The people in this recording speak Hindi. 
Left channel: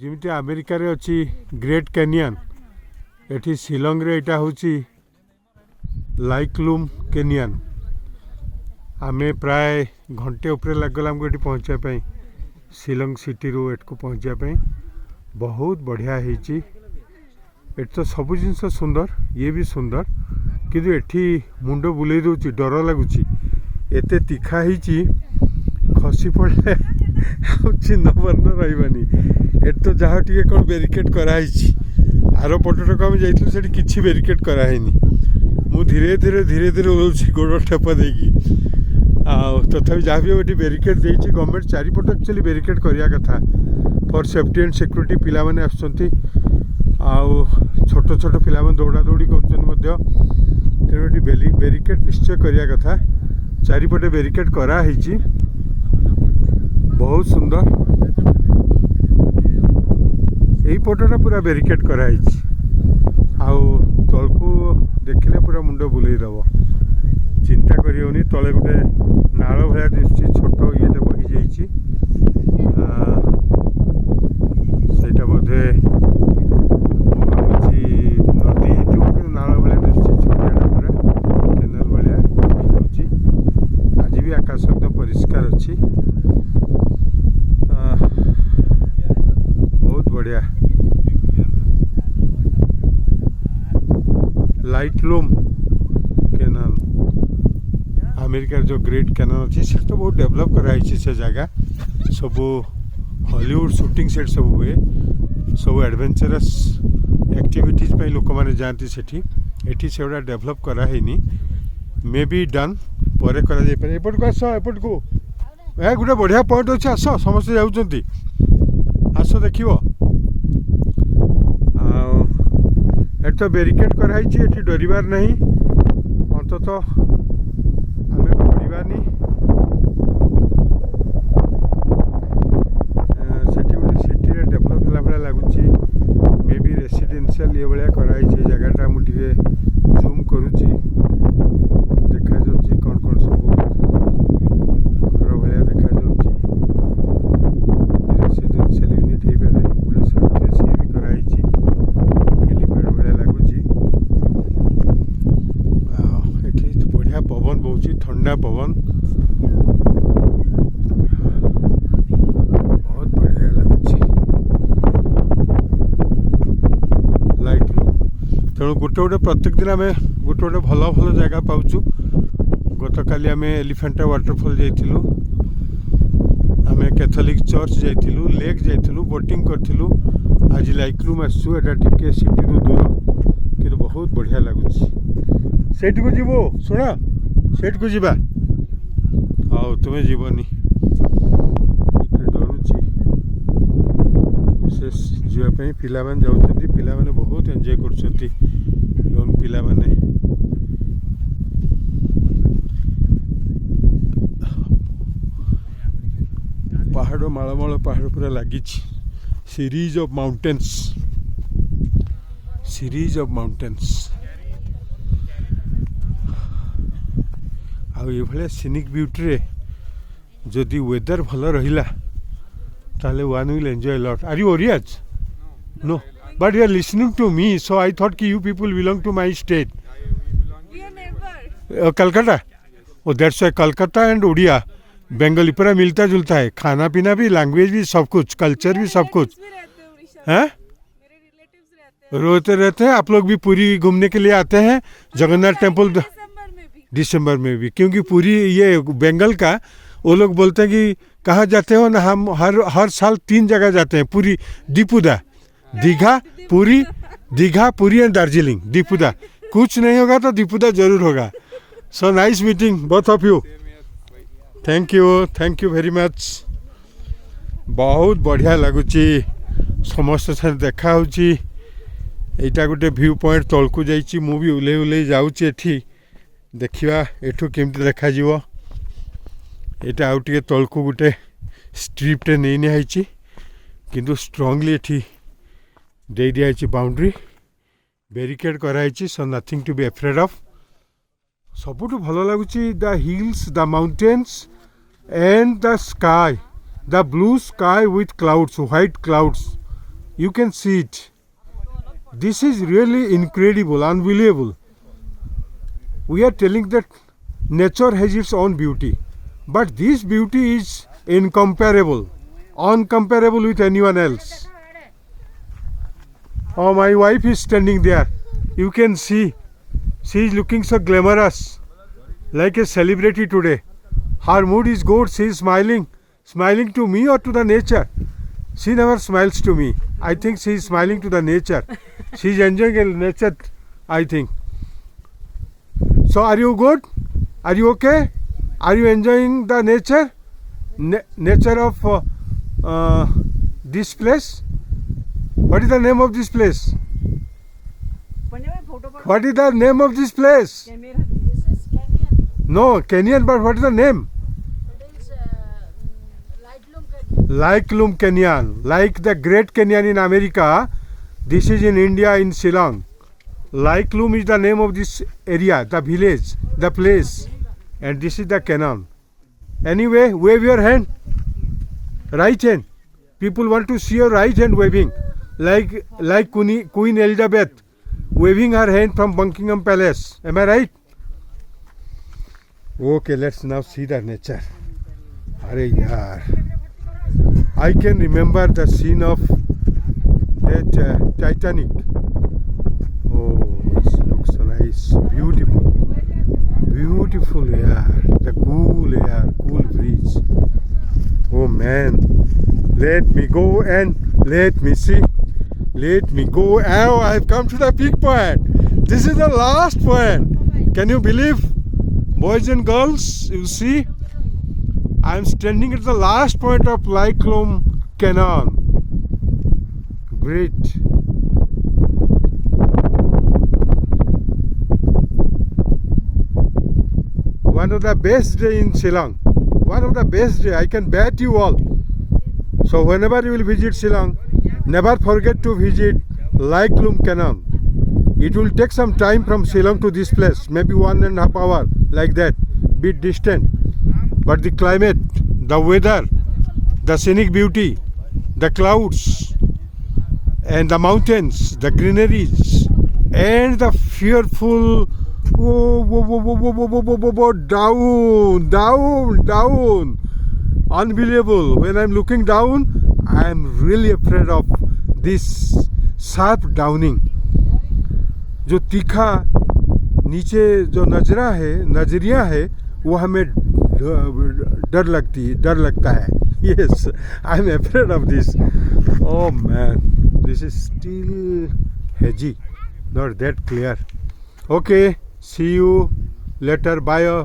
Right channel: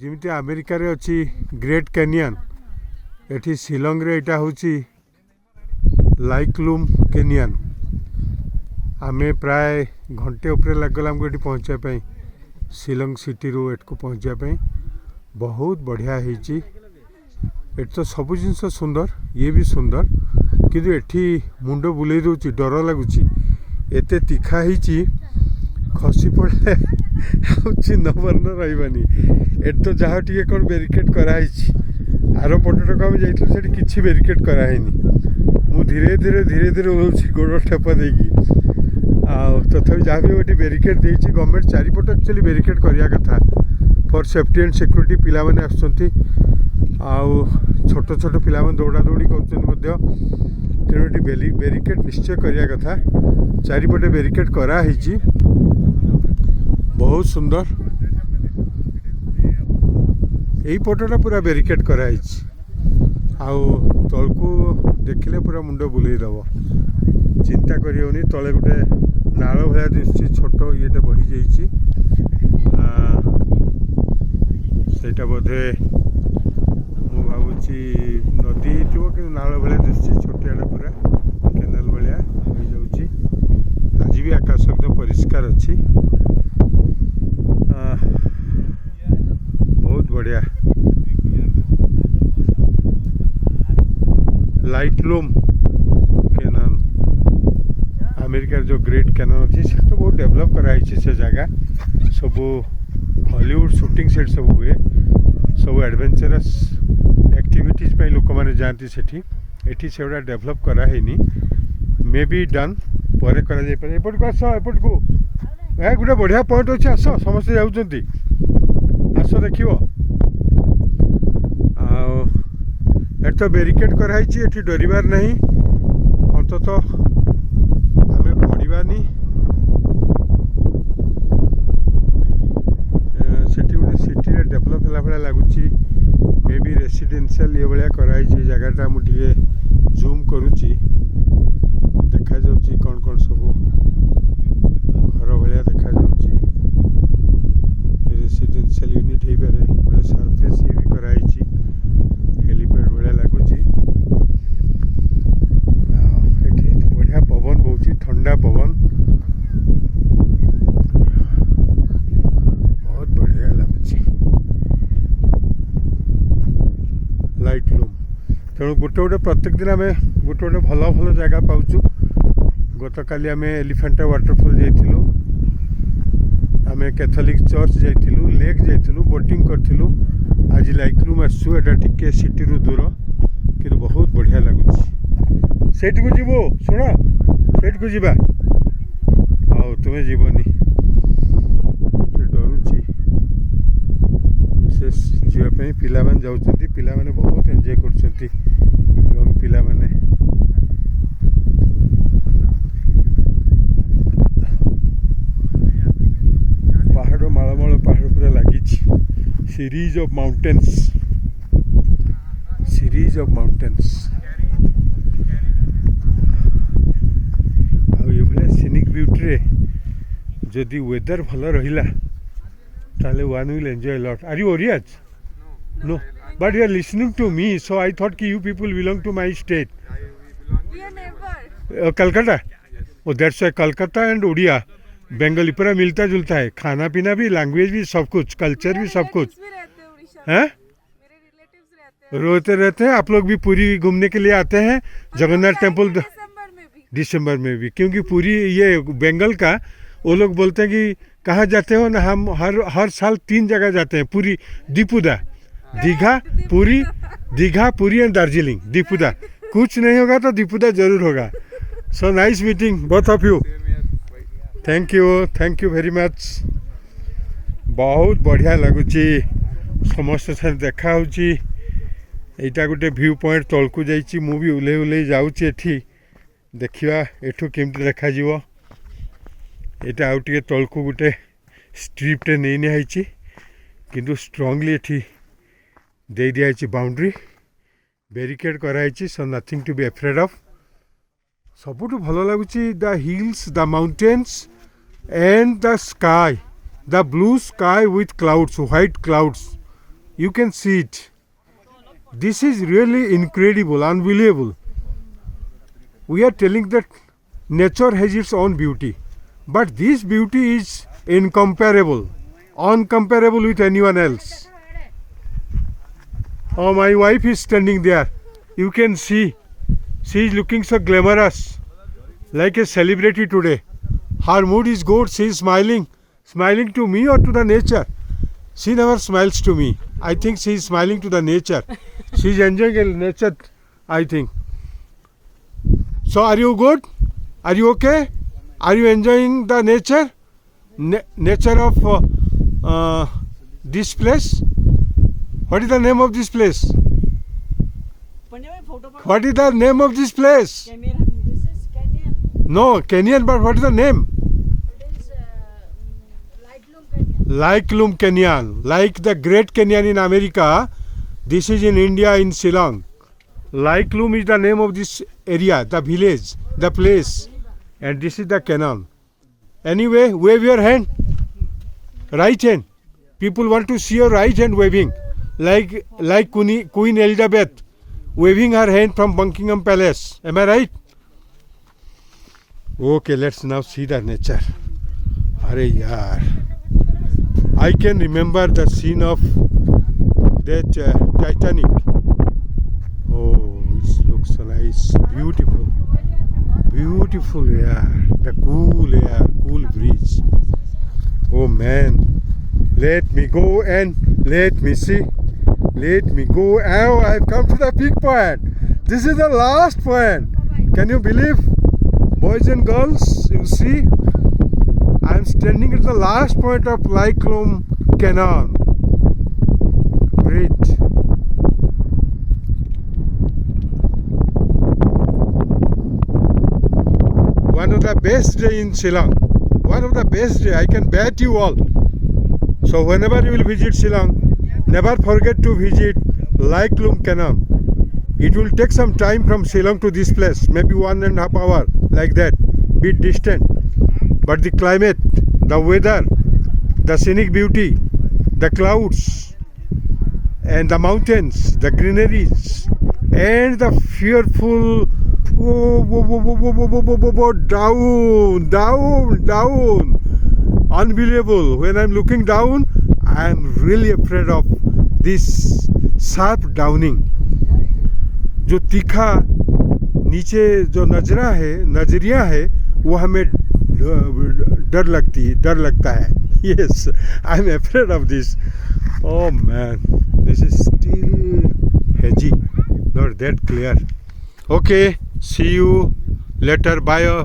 जमी अमेरिका रे अच्छी ग्रेट कैनियन एठी शिलंग रे इटा होची लाइक्लूम कैनियन। आमे प्राय घंटे उपरे लगल हमको एठी पहुँचापी शिलंग सिटी रू एट को पहुँचापी। बहुत बढ़िया होती एट तो सब जिनस सुंदर ये भी सुंदर किंतु एठी मुंड बुले दूची डर लगुच एत तीखा ही खसी पड़े चिन्ह वर्ण रही एट तो जहाँ टी कौन बेरिकेड कराई आर पटक आम जाइए किसी बेरिकेड कराई मु धीरे धीरे धीरे धीरे ओल्सी गोड़ ठेप देगी तथापि जहाँ भी ये बेरिकेड देती गवर्नमेंट चारिपट एक्चुअली बेरिकेड करवा कथा फॉर सेफ्टी एंड सिक्योरिटी पिला माने आसुचंती आउ छोट छोट पिला माने दौड़ा दौड़ी कर तेणु बेरिकेड निश्चय करवा कथा चारिपटे बेरिकेड कराई बहुत सुंदर यही पटटा पूरा बेरिकेड कराई आउ तलकू देखिले पूरा मुंड बुलेदब चिंता करियोनी तले गोटे नाल भाया दिशुची छोट ये बही जाइए सेटा बोधे भावी नदी कि नाल भाया दिशुची छोटियाटा पूरा केनाल भाया बही जाऊँगी। आज भी आकाश एकदम परिष्कार अच्छी बहुत बढ़िया। लाइक्लूम कैनन अमेरिकार जो ग्रेट कैनन अच्छी से तो बहुत डेवलप कराई से जगह सब हॉलीवुड शूटिंग सेट सब हुए सब एडवेंचरस एक्टिविटीज पे लोक मैंने जाती सेठी से गुड़ा डेवलप करानी मे बी डन पर एपट को आस एपट को गोटे बढ़िया पॉइंट अच्छे आस समस्ते जाऊँगी आस देख एट तो बेरिकेड कराई एटी डरबार नहीं अंतत आम पड़ानी से गोटे सिटी डेभलप है भाया लगुच मे बी रेसिडेंशियल ये भाया कराई जगटा मुझे जूम करुच्ची देखा जाऊँ कौन कौन सब घर भाया देखा जाऊँ रेसिडेंशियल यूनिट हो पारे गोटे साथ सी भी कराई हेलीपैड भाया लगुच बढ़िया पवन बहुत ठंडा पवन बहुत बढ़िया लगुच लाइट तेणु गोटे गोटे प्रत्येक दिन आम गोटे गोटे भल भल जगह पाचु गत काली आम एलिफेंटा वाटरफॉल जाइलु आम कैथोलिक चर्च जाइलु लेक जाइलु बोटिंग करूँ आज लाइक्लूम आसू एटा टिके सिटी रू दूर कि बहुत बढ़िया लगुच सेठ को जीव शुण सेठ को जीवा हाँ तुम्हें जीवनी डरुची विशेष जीवाई पिला माने जाउछंती पिला माने बहुत एंजॉय करछंती यंग पिला माने पहाड़ मालमाल पहाड़ पूरा लगी सीरीज ऑफ माउंटेन्स ये भाया सीनिक ब्यूटी जदि वेदर भल रहा ताले one will enjoy lot. Are you Oriyas? No but you are listening to me so I thought कि you people belong to my state Calcutta. Oh that's why Calcutta and Oriya Bengali पूरा मिलता जुलता है खाना पीना भी लैंग्वेज भी सब कुछ कल्चर भी सब कुछ है। रोते रहते हैं आप लोग भी पूरी घूमने के लिए आते हैं जगन्नाथ टेम्पल दिसंबर में भी क्योंकि पूरी ये बंगाल का वो लोग बोलते हैं कि कहाँ जाते हो ना हम हर साल 3 जगह जाते हैं पूरी दीपुदा दीघा पूरी एंड दार्जिलिंग दीपुदा कुछ नहीं होगा तो दीपुदा जरूर होगा। So nice meeting both of you thank you very much बहुत बढ़िया लगुच समस्त से देखा होटा गोटे व्यू पॉइंट तलकू जाइए मु भी उल्ले उल्ले जाऊँगी एठी देखा एठू केमती देखा यहाँ आउ टे तलकू गोटे स्ट्रिप्टे नहीं निहाई किंतु स्ट्रंगली एठी दे दिखाई बाउंड्री बेरिकेड कराई so nothing to be afraid of. सबुठ भल लगुच the hills the mountains and the sky the blue sky with clouds white clouds You can see it. This is really incredible, unbelievable. We are telling that nature has its own beauty, but this beauty is incomparable, uncomparable with anyone else. Oh, my wife is standing there. You can see. She is looking so glamorous, like a celebrity today. Her mood is good. She is smiling. Smiling to me or to the nature? She never smiles to me. I think she is smiling to the nature. She is enjoying the nature, I think. So are you good? Are you okay? Are you enjoying the nature? Nature of this place? What is the name of this place? What is the name of this place? This is Canyon. No, Kenyan, but what is the name? It is Lightroom Canyon. Lightroom Canyon. Like the Great Canyon in America, this is in India, in Shillong. Lightroom is the name of this area, the village, the place. And this is the canyon. Anyway, wave your hand. Right hand. People want to see your right hand waving. Like Queen Elizabeth waving her hand from Buckingham Palace. Am I right? Okay, let's now see the nature. Arey yaar. I can remember the scene of that Titanic. Oh, it looks so nice. Beautiful. Beautiful air. The cool air, cool breeze. Oh man. Let me go and let me see. Let me go. Oh, I've come to the peak point. This is the last point. Can you believe? Boys and girls, you see, I'm standing at the last point of Lightroom Canyon. Great. One of the best day in Shillong. One of the best day. I can bet you all. So whenever you will visit Shillong, never forget to visit Lightroom Canyon. It will take some time from Shillong to this place, maybe 1.5 hours, like that, bit distant. But the climate, the weather, the scenic beauty, the clouds, and the mountains, the greeneries, and the fearful down. Unbelievable. When I'm looking down, I'm really afraid of this sharp downing. जो तीखा नीचे जो नजरिया है वो हमें डर लगता है. Yes, I'm afraid of this. Oh man, this is still hazy, not that clear. Okay, see you later. Bye.